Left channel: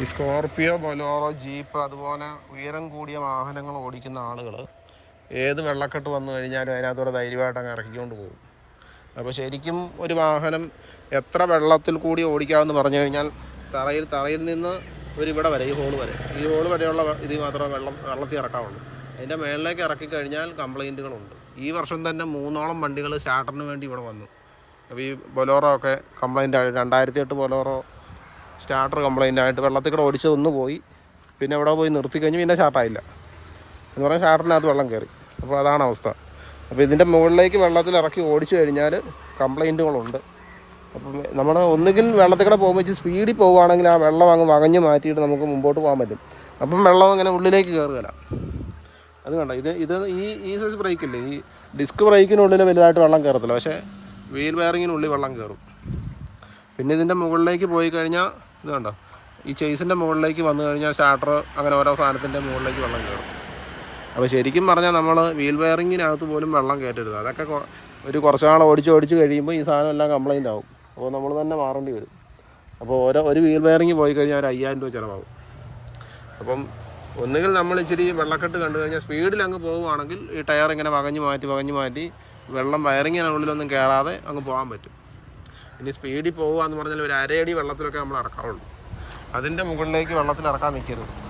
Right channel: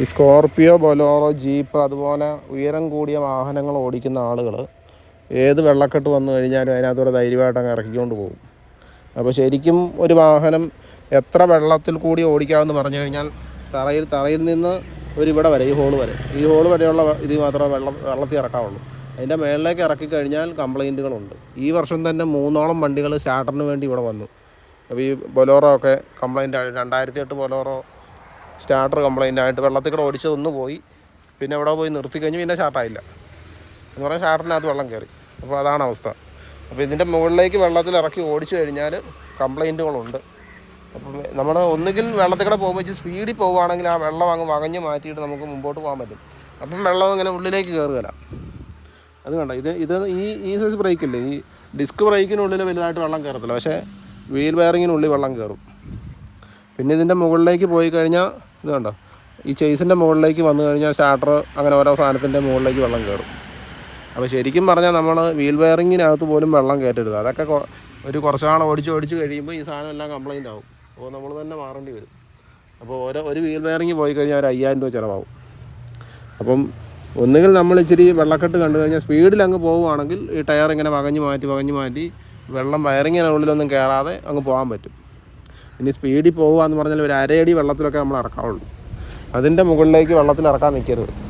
ഈ Scorpio, Bolero, jeep അതുപോലെ ഉയരം കൂടിയ വാഹനങ്ങൾ ഓടിക്കുന്ന ആളുകൾ ഏത് വെള്ളക്കെട്ട് വന്നു കഴിഞ്ഞാലും അതിനകത്തൂടെ ധൈര്യമായിട്ട് അങ്ങ് ഇറക്കിക്കൊണ്ട് പോകും. അപ്പോൾ ശരിക്കും ഒരു വാഹനം എത്ര വെള്ളത്തിൽ കൂടി ഓടിക്കാമെന്ന് പറഞ്ഞു കഴിഞ്ഞാൽ തറയിൽ നിന്ന് ഇവിടെ വരെ, ഈ ഹോള് വരെയുള്ള ഇത് മാത്രമേ വെള്ളത്തിൽ ഇറക്കാവുള്ളൂ. അതിൻ്റെ മേളിലേക്ക് ഇറക്കി കഴിഞ്ഞാൽ കംപ്ലൈൻറ്റുകളുണ്ട്. ഈ വർഷം തന്നെ 3ഓളം വണ്ടികൾ സ്റ്റാർട്ടറിന് വേണ്ടി ഇവിടെ വന്നു. അപ്പോൾ ഈ ബൊലോറോ ഒക്കെ കംപ്ലൈൻ്റ് ആയി. 2008 ബൊലോറോ സ്റ്റാർട്ടർ കംപ്ലൈൻ്റ് ആയിട്ട് വെള്ളത്തിൽ കൂടെ ഓടിച്ചതൊന്ന് പോയി. പിന്നെ ഇവിടെ പോയി നിർത്തി കഴിഞ്ഞ് പിന്നെ സ്റ്റാർട്ടായില്ല എന്ന് പറഞ്ഞാൽ സ്റ്റാർട്ടറിനകത്ത് വെള്ളം കയറി. അപ്പോൾ അതാണ് അവസ്ഥ. അപ്പോൾ ഇതിൻ്റെ മുകളിലേക്ക് വെള്ളത്തിൽ ഇറക്കി ഓടിച്ചു കഴിഞ്ഞാൽ കംപ്ലൈൻറ്റുകളുണ്ട്. അപ്പം നമ്മൾ ഒന്നുകിൽ വെള്ളത്തിൽ കൂടെ പോകുമ്പോൾ വെച്ച് സ്പീഡിൽ പോവുകയാണെങ്കിൽ ആ വെള്ളം അങ്ങ് വകഞ്ഞ് മാറ്റിയിട്ട് നമുക്ക് മുമ്പോട്ട് പോകാൻ പറ്റും. അപ്പം വെള്ളം ഇങ്ങനെ ഉള്ളിലേക്ക് കയറുകയില്ല. അത് കണ്ട, ഇത് ഈ സൈസ് ബ്രേക്കില്ലേ, ഈ ഡിസ്ക് ബ്രേക്കിനുള്ളിൽ വലുതായിട്ട് വെള്ളം കയറത്തില്ല, പക്ഷേ വീൽ ബെയറിങ്ങിനുള്ളിൽ വെള്ളം കയറും. പിന്നെ ഇതിൻ്റെ മുകളിലേക്ക് പോയി കഴിഞ്ഞാൽ ഇത് കണ്ടോ, ഈ ചേസിൻ്റെ മുകളിലേക്ക് വന്നു കഴിഞ്ഞാൽ സ്റ്റാർട്ടർ അങ്ങനെ ഓരോ സാധനത്തിൻ്റെ മുകളിലേക്ക് വെള്ളം കയറും. അപ്പോൾ ശരിക്കും പറഞ്ഞാൽ നമ്മൾ വീൽ ബെയറിങ്ങിനകത്ത് പോലും വെള്ളം കയറ്റരുത്. അതൊക്കെ കുറച്ച് നാൾ ഓടിച്ച് കഴിയുമ്പോൾ ഈ സാധനം എല്ലാം കംപ്ലൈൻ്റ് ആവും. അപ്പോൾ നമ്മൾ തന്നെ മാറേണ്ടി വരും. അപ്പോൾ ഒരു വീൽ ബെയറിങ് പോയി കഴിഞ്ഞാൽ ഒരു 5000 രൂപ ചിലവാകും. അപ്പം ഒന്നുകിൽ നമ്മൾ ഇച്ചിരി വെള്ളക്കെട്ട് കണ്ടു കഴിഞ്ഞാൽ സ്പീഡിൽ അങ്ങ് പോവുകയാണെങ്കിൽ ഈ ടയർ ഇങ്ങനെ വകഞ്ഞ് മാറ്റി വെള്ളം വയറിങ്ങിനുള്ളിലൊന്നും കയറാതെ അങ്ങ് പോകാൻ പറ്റും. ഇനി സ്പീഡിൽ പോകുക എന്ന് പറഞ്ഞാൽ ഒരു 1.5 അടി വെള്ളത്തിലൊക്കെ നമ്മൾ ഇറക്കാവുള്ളൂ. അതിൻ്റെ മുകളിലേക്ക് വെള്ളത്തിൽ ഇറക്കാൻ നിൽക്കരുത്.